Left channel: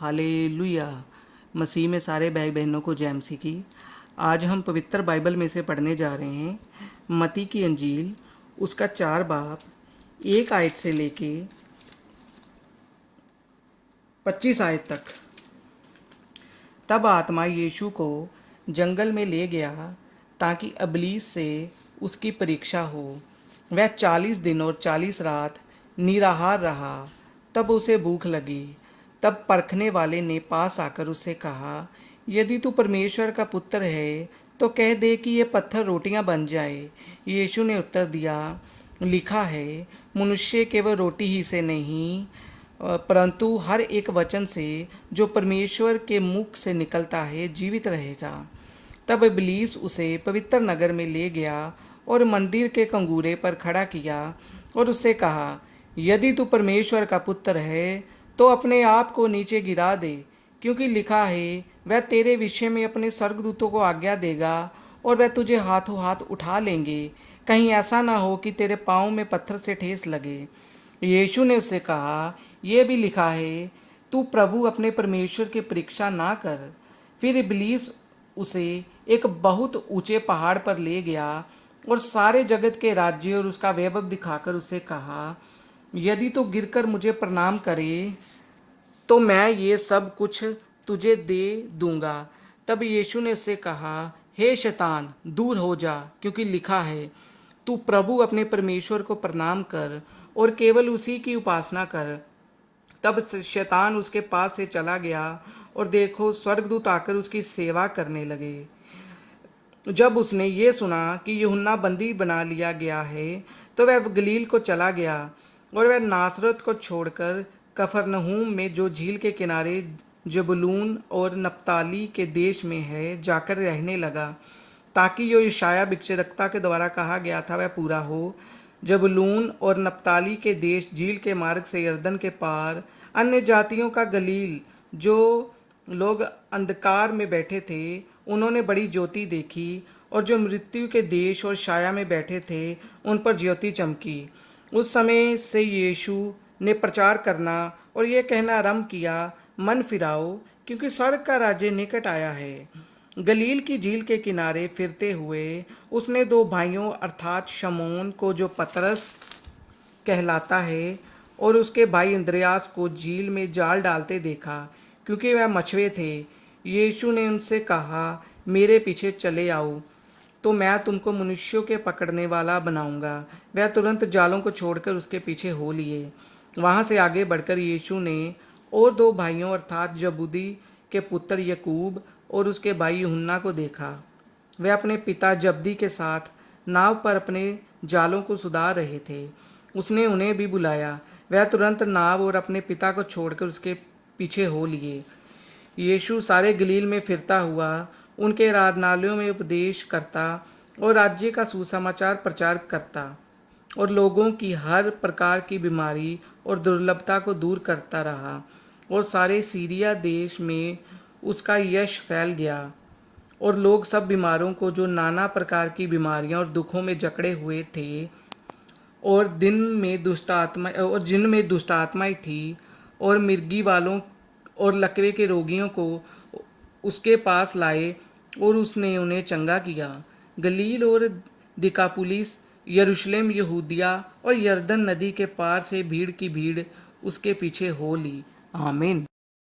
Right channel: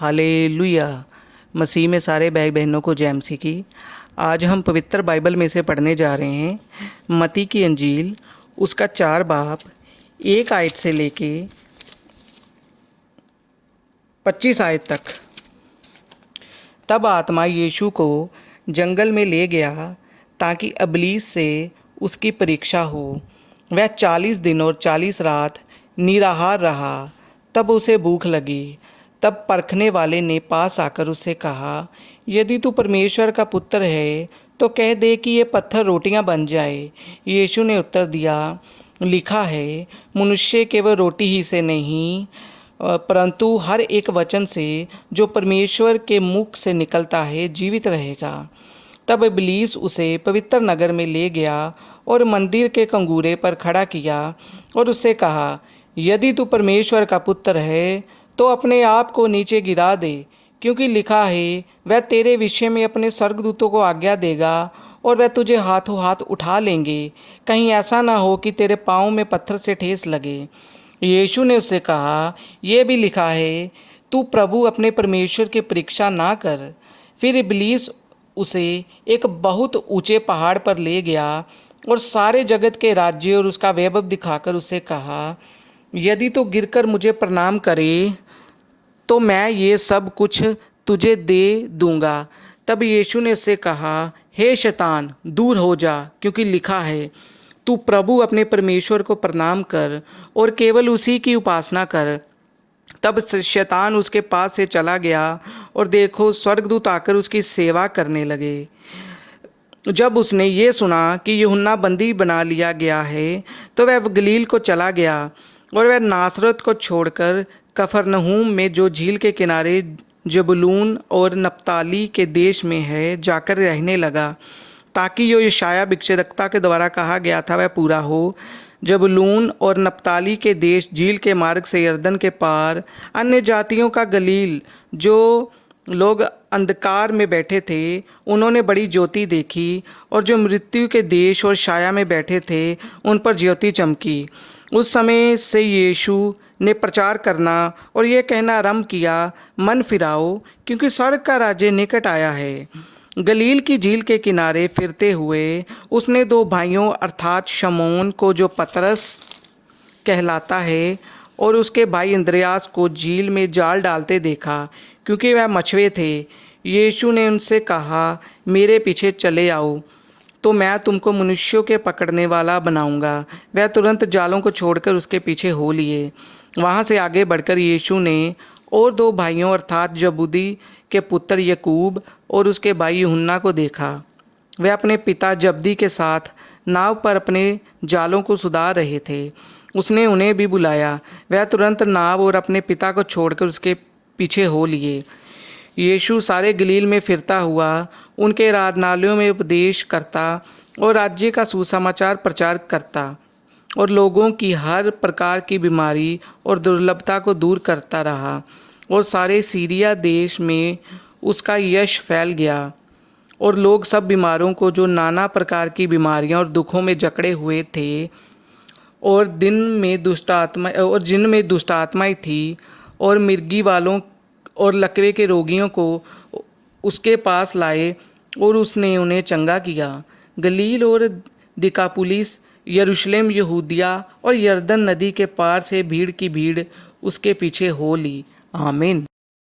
Hallelujah. मसीह में सारे भाई बहनों को जय मसीह की। आज हम पवित्र बाइबल में से पढ़ने जा रहे हैं मत्ती की अंजील, उसका 4 बाब 1 आयत से लेके 25 आयत तक। तब आत्मा यीशु को जंगल में ले गया ताकि इब्लीस से उसकी परीक्षा हो। वह 40 दिन और 40 रात निराहार रहा। तब उसे भूख लगी। तब परखने वाले ने पास आकर उससे कहा, यदि तू परमेश्वर का पुत्र है तो कह दे कि ये पत्थर रोटियां बन जाए। यीशु ने उत्तर दिया, लिखा है, मनुष्य केवल रोटी ही से नहीं परंतु हर एक वचन से जो परमेश्वर के मुख से निकलता है जीवित रहेगा। तब इब्लीस उसे पवित्र नगर में ले गया और मंदिर के कंगूरे पर खड़ा किया और उससे कहा, यदि तू परमेश्वर का पुत्र है तो अपने आप को नीचे गिरा दे, क्योंकि लिखा है, वह तेरे विषय में अपने स्वर्गदूतों को आज्ञा देगा और वह तुझे हाथों हाथ उठा लेंगे, कहीं ऐसा ना हो कि तेरे पाँव में पत्थर से ठेस लगे। यीशु ने उससे कहा, यह भी लिखा है, तू प्रभु अपने परमेश्वर की परीक्षा ना कर। फिर इब्लीस उसे एक बहुत ऊंचे पहाड़ पर ले गया और सारे जगत के राज्य और उसका वैभव दिखाकर उससे कहा, यदि तू गिरकर मुझे प्रणाम करे तो मैं ये सब कुछ तुझे दे दूंगा। तब यीशु ने उससे कहा, हे शैतान, दूर हो जा, क्योंकि लिखा है, तू प्रभु अपने परमेश्वर को प्रणाम कर और केवल उसी की उपासना कर। तब शैतान उसके पास से चला गया और देखो, स्वर्गदूत आकर उसकी सेवा करने लगे। जब उसने ये सुना कि यूहन्ना बंदी बना लिया गया है तो वह गलील को चला गया और वह नासरत को छोड़कर कफरनहूम में जो झील के किनारे जबूलून और नप्ताली के देश में है जाकर रहने लगा, ताकि जो यशायाह भविष्यद्वक्ता के द्वारा कहा गया था वह पूरा हो। जबूलून और नप्ताली के देश झील के मार्ग से यरदन के पार अन्य जातियों का गलील, जो लोग अंधकार में बैठे थे उन्होंने बड़ी ज्योति देखी, और जो मृत्यु के देश और छाया में बैठे थे उन पर ज्योति चमकी। उस समय से यीशु ने प्रचार करना और यह कहना आरंभ किया, मन फिराओ, क्योंकि स्वर्ग का राज्य निकट आया है। गलील की झील के किनारे फिरते हुए उसने 2 भाइयों अर्थात शमौन को, जो पतरस कहलाता है, और उसके भाई अंद्रयास को झील में जाल डालते देखा, क्योंकि वह मछुए थे। यीशु ने उनसे कहा, मेरे पीछे चले आओ तो मैं तुमको मनुष्यों के पकड़ने वाला बनाऊंगा। वह तुरंत जालों को छोड़कर उसके पीछे हो लिए। वहाँ से आगे बढ़कर यीशु ने और 2 भाइयों अर्थात जबूदी के पुत्र यकूब और उसके भाई यूहन्ना को देखा। वे अपने पिता जब्दी के साथ नाव पर अपने जालों को सुधार रहे थे। उसने उन्हें भी बुलाया। वह तुरंत नाव और अपने पिता को छोड़कर उसके पीछे हो लिए। यीशु सारे गलील में फिरता हुआ उनके आराधनालयों में उपदेश करता और राज्य का सुसमाचार प्रचार करता और लोगों की हर प्रकार की बीमारी और दुर्लभता को दूर करता रहा। और सारे सीरिया देश में उसका यश फैल गया और लोग सब बीमारों को, जो नाना प्रकार की बीमारियां और दुखों में जकड़े हुए थे, और जिनमें दुष्ट आत्माएं थी, और मिर्गी वालों और लकवे के रोगियों को उसके पास लाए और उसने उन्हें चंगा किया। गलील और दिकापुलिस, यरूशलेम, यहूदिया और यरदन नदी के पार से भीड़ की भीड़ उसके पीछे हो ली। आमीन।